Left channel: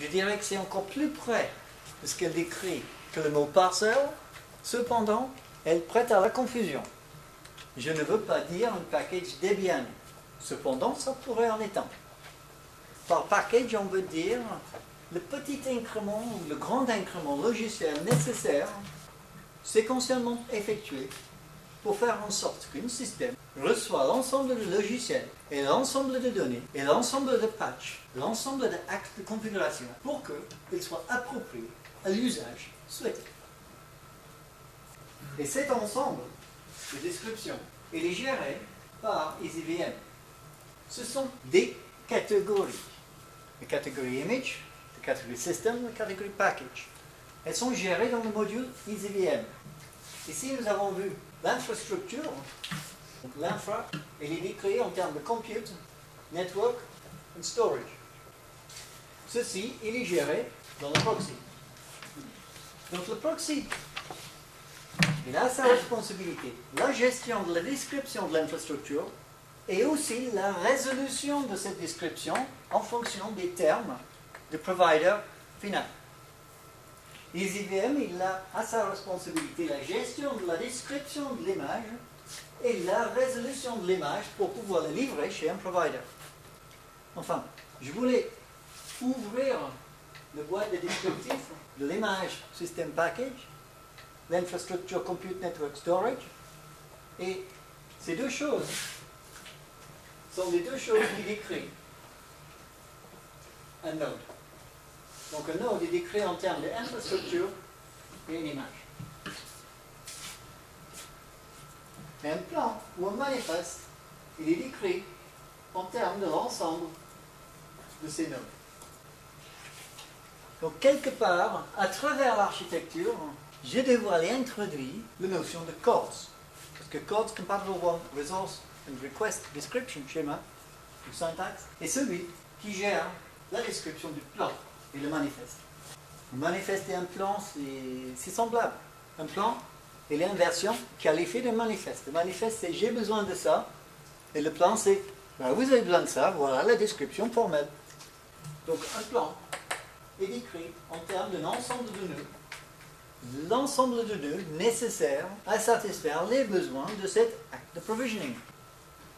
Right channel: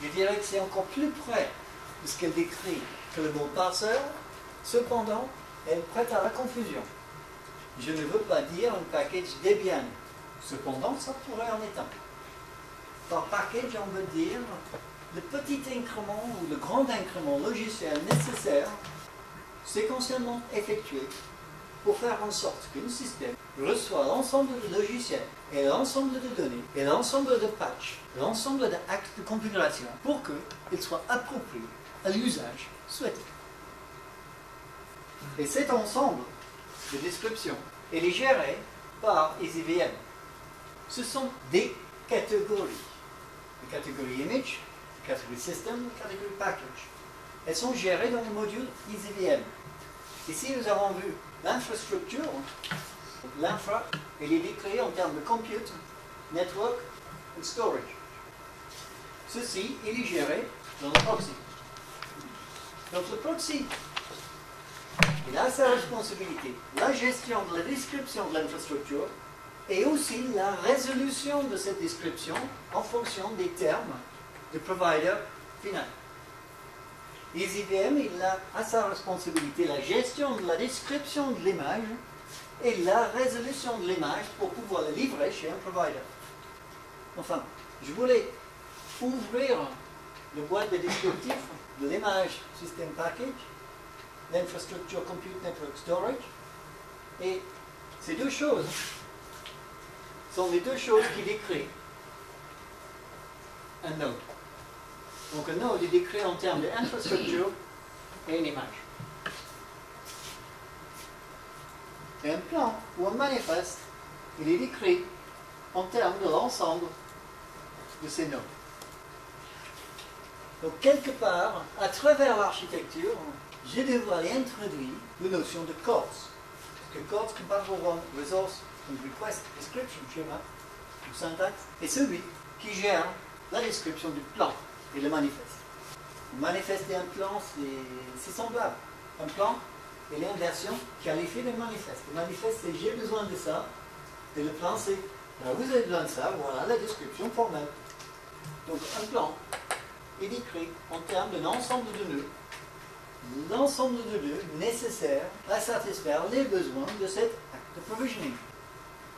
Je dirais que c'est encore plus près de ce qu'elle décrit que le mot parser. Cependant, elle prête à la confusion. Je ne veux pas dire un package Debian. Cependant, ça pourrait en être un. Par package, on veut dire le petit incrément ou le grand incrément logiciel nécessaire, séquentiellement effectué, pour faire en sorte qu'un système reçoit l'ensemble de logiciels et l'ensemble de données et l'ensemble de patchs, l'ensemble d'actes de configuration pour qu'il soit approprié à l'usage souhaité. Et cet ensemble de descriptions est géré par EasyVM. Ce sont des catégories. La catégorie image, la catégorie system, la catégorie package. Elles sont gérées dans le module EasyVM. Ici, nous avons vu l'infrastructure. L'infra, elle est décrite en termes de compute, network et storage. Ceci, il est géré dans le proxy. Donc le proxy, il a sa responsabilité, la gestion de la description de l'infrastructure et aussi la résolution de cette description en fonction des termes du provider final. EasyVM, il a à sa responsabilité la gestion de la description de l'image et la résolution de l'image pour pouvoir la livrer chez un provider. Enfin, je voulais ouvrir le boîte de descriptif de l'image System Package, l'infrastructure Compute Network Storage, et ces deux choses sont les deux choses qui décrivent un node. Donc un node est décrit en termes d'infrastructure et une image. Et un plan ou un manifeste, il est décrit en termes de l'ensemble de ces nodes. Donc quelque part, à travers l'architecture, j'ai dévoilé, introduit la notion de CORS. Parce que CORS, Compatible One Resource and Request Description Schema, ou syntaxe, est celui qui gère la description du plan et le manifeste. Le manifeste et un plan, c'est semblable. Un plan est l'inversion qualifiée d'un manifeste. Le manifeste, c'est j'ai besoin de ça, et le plan, c'est vous avez besoin de ça, voilà la description formelle. Donc un plan est décrit en termes d'un ensemble de nœuds, l'ensemble de nœuds nécessaires à satisfaire les besoins de cet acte de provisioning.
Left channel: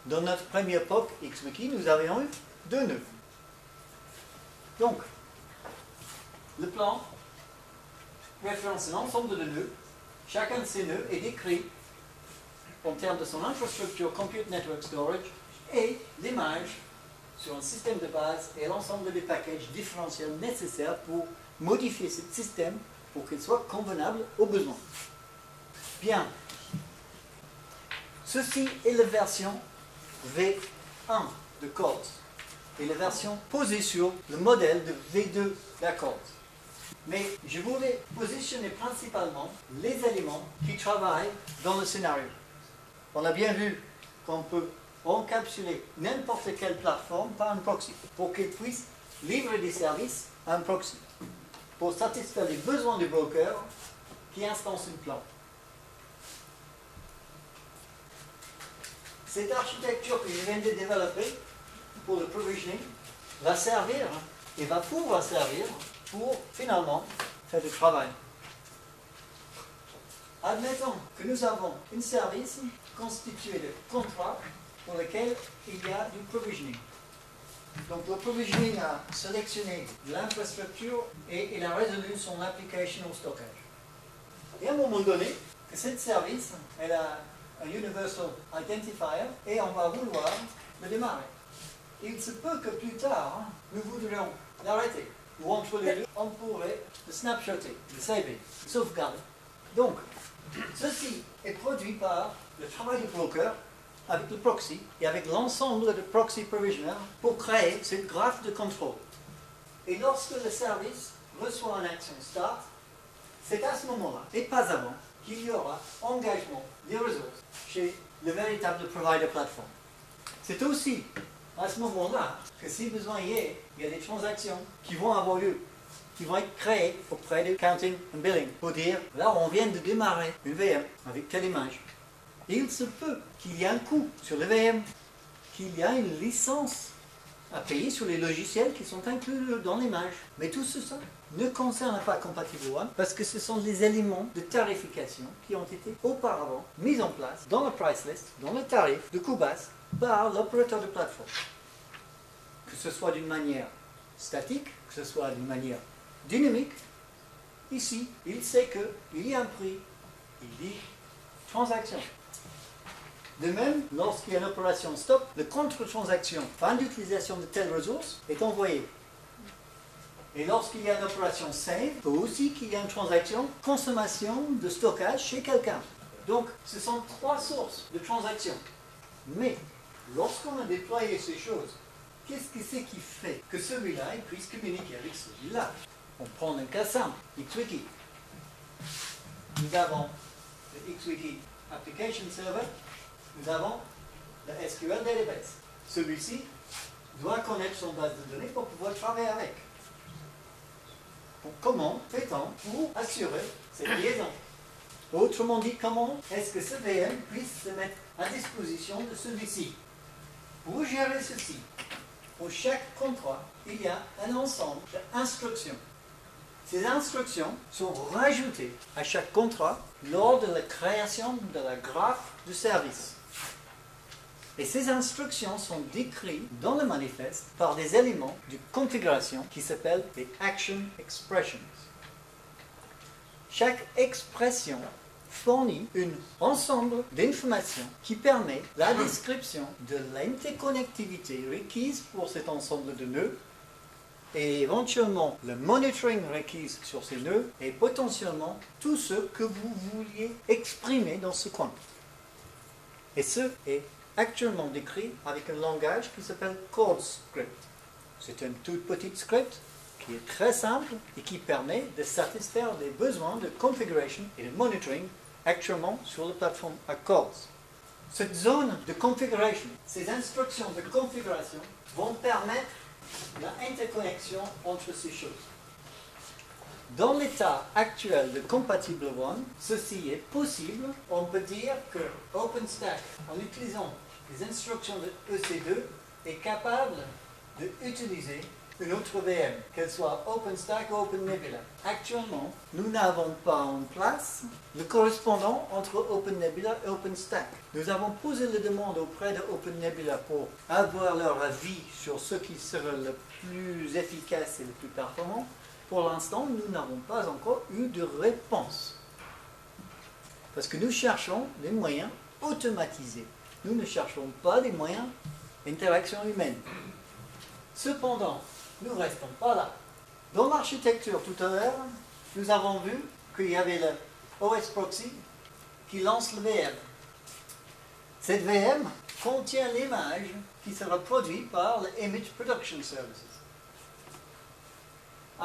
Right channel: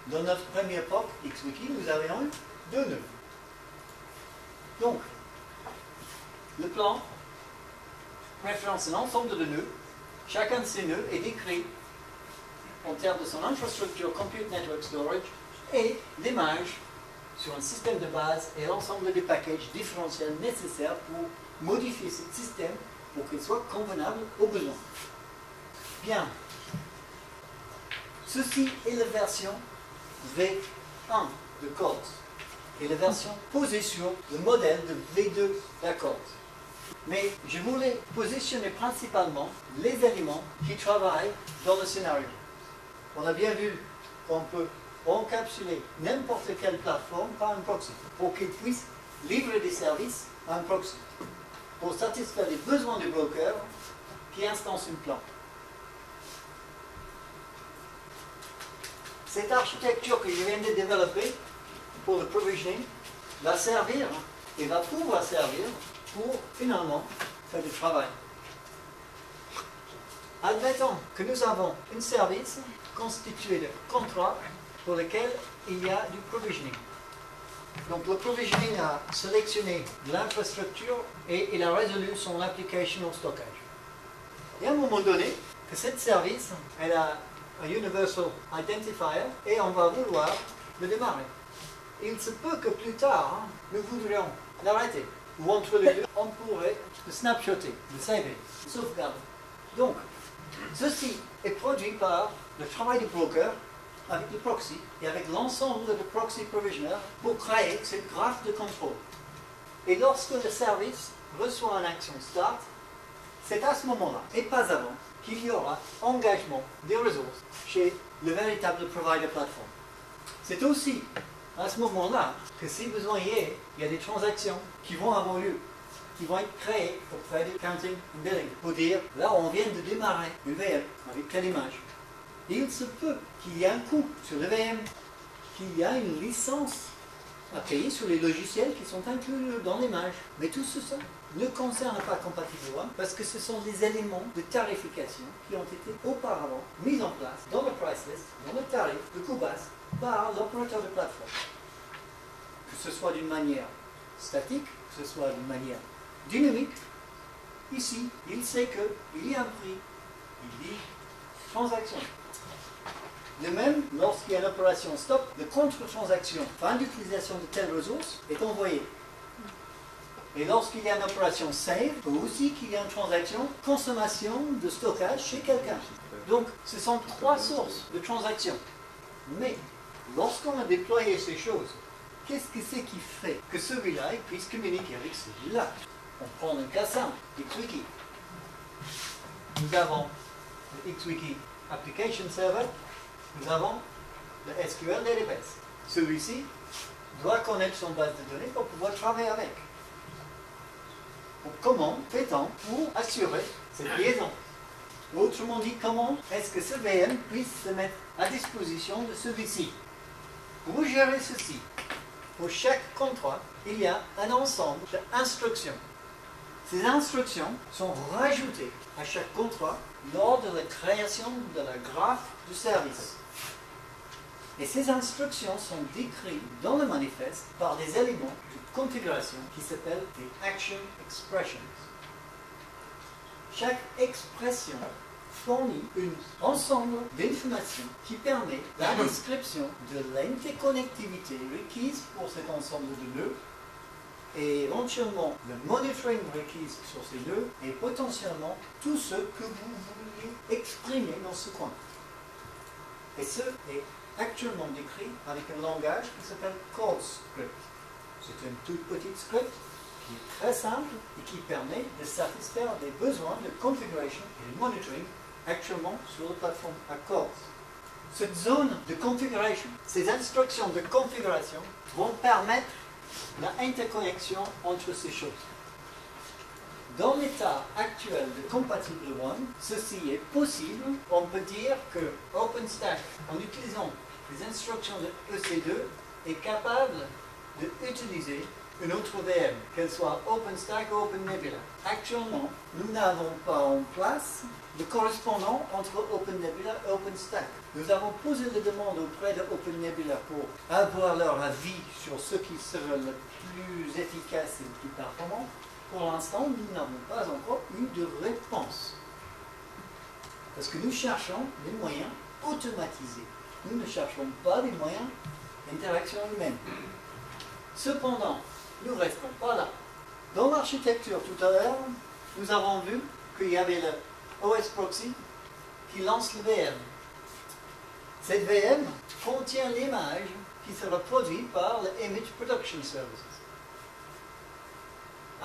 Dans notre premier POC XWiki, nous avions eu 2 nœuds. Donc, le plan référence un ensemble de nœuds. Chacun de ces nœuds est décrit en termes de son infrastructure Compute Network Storage et l'image sur un système de base et l'ensemble des packages différentiels nécessaires pour modifier ce système pour qu'il soit convenable aux besoins. Bien. Ceci est la version V1 de CORS et la version posée sur le modèle de V2 d'Accords. Mais je voulais positionner principalement les éléments qui travaillent dans le scénario. On a bien vu qu'on peut encapsuler n'importe quelle plateforme par un proxy pour qu'il puisse livrer des services à un proxy pour satisfaire les besoins du broker qui instance un plan. Cette architecture que je viens de développer pour le provisioning va servir et va pouvoir servir pour finalement faire du travail. Admettons que nous avons un service constitué de contrats pour lequel il y a du provisioning. Donc le provisioning a sélectionné l'infrastructure et il a résolu son application au stockage. Et à un moment donné, que ce service, elle a un Universal Identifier et on va vouloir le démarrer. Il se peut que plus tard, nous voudrions l'arrêter. Ou entre les deux, on pourrait le snapshotter, le saver, le sauvegarder. Donc, ceci est produit par le travail du broker avec le proxy et avec l'ensemble de proxy provisioners pour créer ce graphe de contrôle. Et lorsque le service reçoit une action start, c'est à ce moment-là, et pas avant, qu'il y aura engagement des ressources chez le véritable provider plateforme. C'est aussi à ce moment-là que si besoin y est, il y a des transactions qui vont avoir lieu, qui vont être créées pour faire du counting and billing, pour dire, là on vient de démarrer une VM avec quelle image. Et il se peut qu'il y ait un coût sur le VM, qu'il y a une licence API sur les logiciels qui sont inclus dans l'image. Mais tout ça ne concerne pas Compatible One parce que ce sont des éléments de tarification qui ont été auparavant mis en place dans le price list, dans le tarif de coût basse par l'opérateur de plateforme. Que ce soit d'une manière statique, que ce soit d'une manière dynamique, ici, il sait qu'il y a un prix, il dit transaction. De même, lorsqu'il y a une opération stop, le contre-transaction, fin d'utilisation de telle ressource, est envoyé. Et lorsqu'il y a une opération save, il faut aussi qu'il y ait une transaction consommation de stockage chez quelqu'un. Donc, ce sont trois sources de transactions. Mais, lorsqu'on a déployé ces choses, qu'est-ce que c'est qui fait que celui-là puisse communiquer avec celui-là? On prend un cas simple, XWiki. Nous avons le XWiki Application Server, nous avons le SQL Database. Celui-ci doit connaître son base de données pour pouvoir travailler avec. Donc, comment fait-on pour assurer cette liaison? Autrement dit, comment est-ce que ce VM puisse se mettre à disposition de celui-ci? Pour gérer ceci, pour chaque contrat, il y a un ensemble d'instructions. Ces instructions sont rajoutées à chaque contrat lors de la création de la graphe du service. Et ces instructions sont décrites dans le manifeste par des éléments de configuration qui s'appellent des Action Expressions. Chaque expression fournit un ensemble d'informations qui permet la description de l'interconnectivité requise pour cet ensemble de nœuds et éventuellement le monitoring requis sur ces nœuds et potentiellement tout ce que vous vouliez exprimer dans ce coin. Et ce est actuellement décrit avec un langage qui s'appelle CodeScript. C'est une toute petite script qui est très simple et qui permet de satisfaire les besoins de configuration et de monitoring actuellement sur la plateforme Accords. Cette zone de configuration, ces instructions de configuration vont permettre l'interconnexion entre ces choses. Dans l'état actuel de Compatible One, ceci est possible. On peut dire que OpenStack, en utilisant les instructions de EC2, est capable d'utiliser une autre VM, qu'elle soit OpenStack ou OpenNebula. Actuellement, nous n'avons pas en place le correspondant entre OpenNebula et OpenStack. Nous avons posé la demande auprès de OpenNebula pour avoir leur avis sur ce qui serait le plus efficace et le plus performant. Pour l'instant, nous n'avons pas encore eu de réponse. Parce que nous cherchons des moyens automatisés. Nous ne cherchons pas des moyens d'interaction humaine. Cependant, nous ne restons pas là. Dans l'architecture tout à l'heure, nous avons vu qu'il y avait le OS Proxy qui lance le VM. Cette VM contient l'image qui sera produite par le Image Production Services.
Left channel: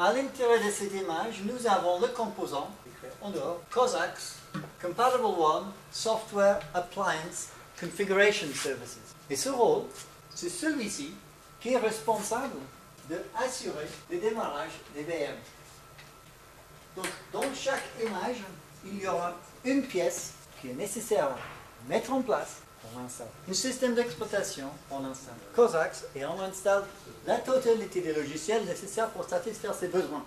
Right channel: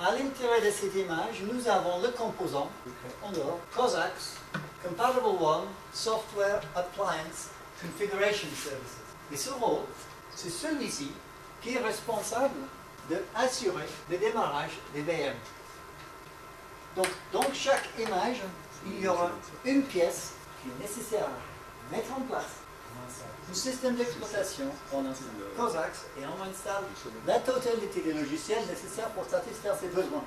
À l'intérieur de cette image, nous avons le composant, en dehors, COSAX, Compatible One, Software Appliance Configuration Services. Et ce rôle, c'est celui-ci qui est responsable d'assurer le démarrage des VM. Donc, dans chaque image, il y aura une pièce qui est nécessaire à mettre en place. On installe un système d'exploitation, on installe COSAX et on installe la totalité des logiciels nécessaires pour satisfaire ses besoins.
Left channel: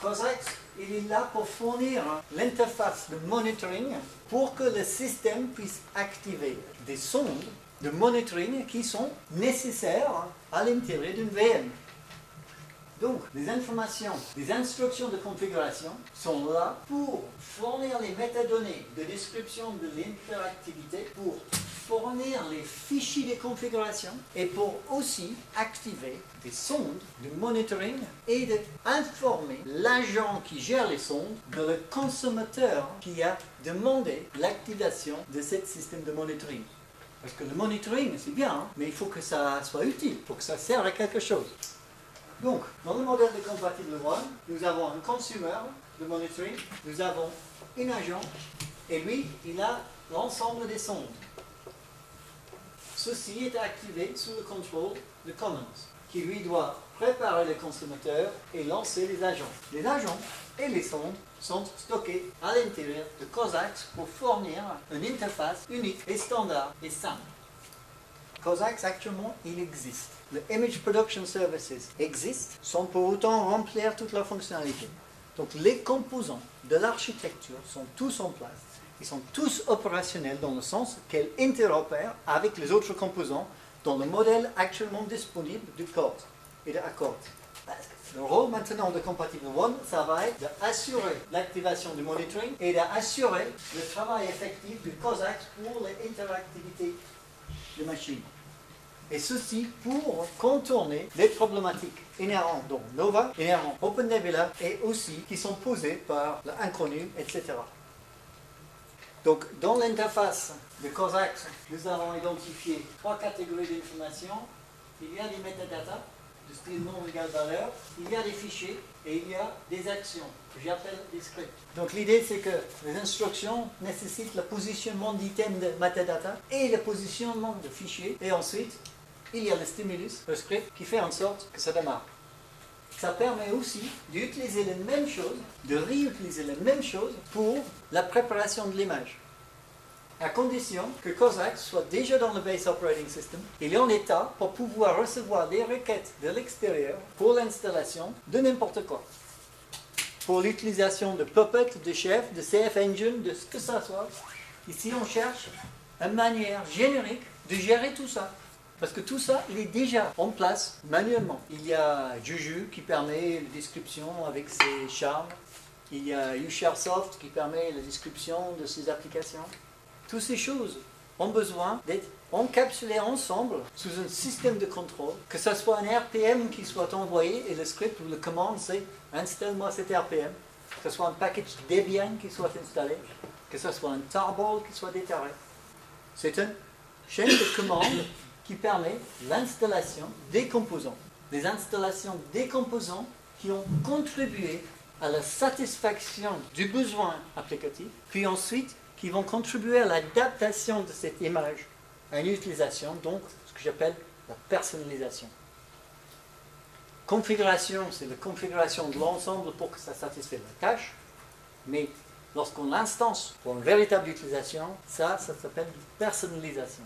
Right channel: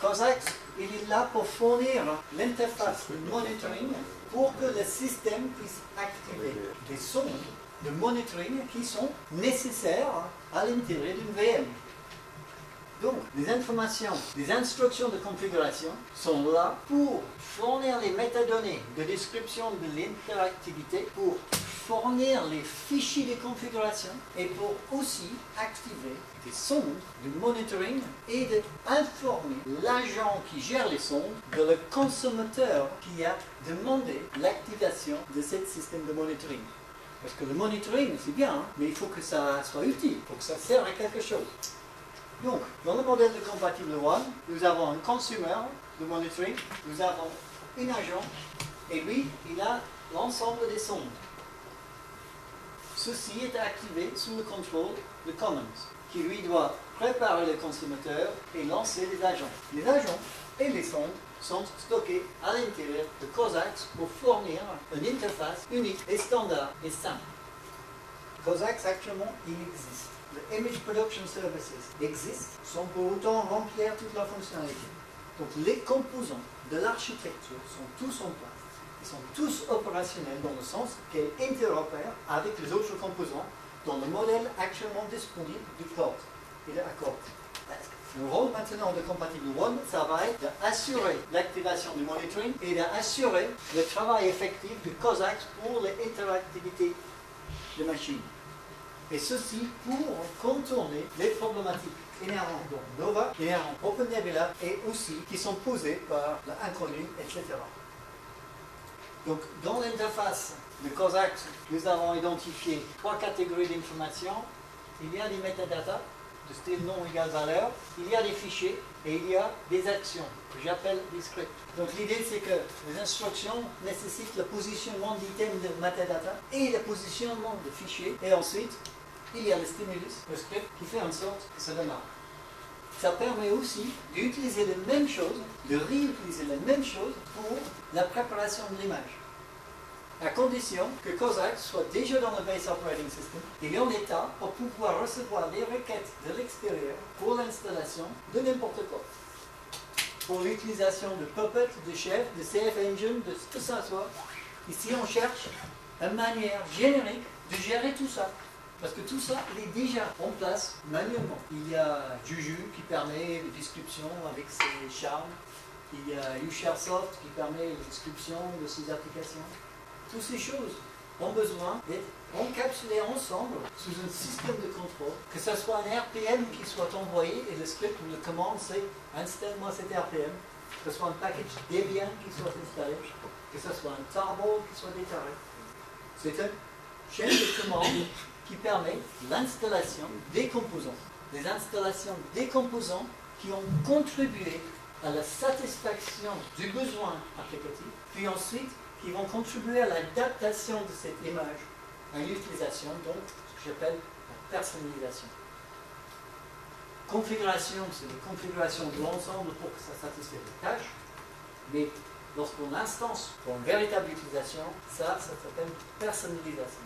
COSAX, il est là pour fournir l'interface de monitoring pour que le système puisse activer des sondes de monitoring qui sont nécessaires à l'intérieur d'une VM. Donc, les informations, les instructions de configuration sont là pour fournir les métadonnées de description de l'interactivité, pour fournir les fichiers de configuration et pour aussi activer des sondes de monitoring et d'informer l'agent qui gère les sondes de le consommateur qui a demandé l'activation de ce système de monitoring. Parce que le monitoring, c'est bien, hein, mais il faut que ça soit utile, il faut que ça serve à quelque chose. Donc, dans le modèle de Compatible One, nous avons un consumer de monitoring, nous avons un agent, et lui, il a l'ensemble des sondes. Ceci est activé sous le contrôle de Commons, qui lui doit préparer le consommateur et lancer les agents. Les agents et les sondes sont stockés à l'intérieur de COSAX pour fournir une interface unique et standard et simple. COSAX, actuellement, il existe. les Image Production Services existent sans pour autant remplir toute leur fonctionnalité. Donc les composants de l'architecture sont tous en place, ils sont tous opérationnels dans le sens qu'elles interopèrent avec les autres composants dans le modèle actuellement disponible du code et de Accord. Le rôle maintenant de Compatible One, ça va être d'assurer l'activation du monitoring et d'assurer le travail effectif du COSAX pour l'interactivité de machines. Et ceci pour contourner les problématiques inhérentes dans Nova, inhérentes OpenNebula et aussi qui sont posées par l'inconnu, etc. Donc dans l'interface de COSAX, nous avons identifié 3 catégories d'informations. Il y a des metadata de style nom égale valeur, il y a des fichiers et il y a des actions que j'appelle des scripts. Donc l'idée c'est que les instructions nécessitent le positionnement d'items de metadata et le positionnement de fichiers et ensuite il y a le stimulus, le script qui fait en sorte que ça démarre. Ça permet aussi d'utiliser les mêmes choses, de réutiliser les mêmes choses pour la préparation de l'image. À condition que COSAX soit déjà dans le Base Operating System, il est en état pour pouvoir recevoir les requêtes de l'extérieur pour l'installation de n'importe quoi. Pour l'utilisation de Puppet, de Chef, de CF Engine, de ce que ça soit, ici on cherche une manière générique de gérer tout ça. Parce que tout ça, il est déjà en place manuellement. Il y a Juju qui permet la description avec ses charmes. Il y a UShareSoft qui permet la description de ses applications. Toutes ces choses ont besoin d'être encapsulées ensemble sous un système de contrôle, que ce soit un RPM qui soit envoyé et le script ou la commande c'est installe-moi cet RPM, que ce soit un package Debian qui soit installé, que ce soit un tarball qui soit déterré. C'est une chaîne de commandes qui permet l'installation des composants. Les installations des composants qui ont contribué à la satisfaction du besoin applicatif, puis ensuite qui vont contribuer à l'adaptation de cette image à une utilisation, donc ce que j'appelle la personnalisation. Configuration, c'est la configuration de l'ensemble pour que ça satisfasse la tâche, mais lorsqu'on l'instance pour une véritable utilisation, ça s'appelle personnalisation.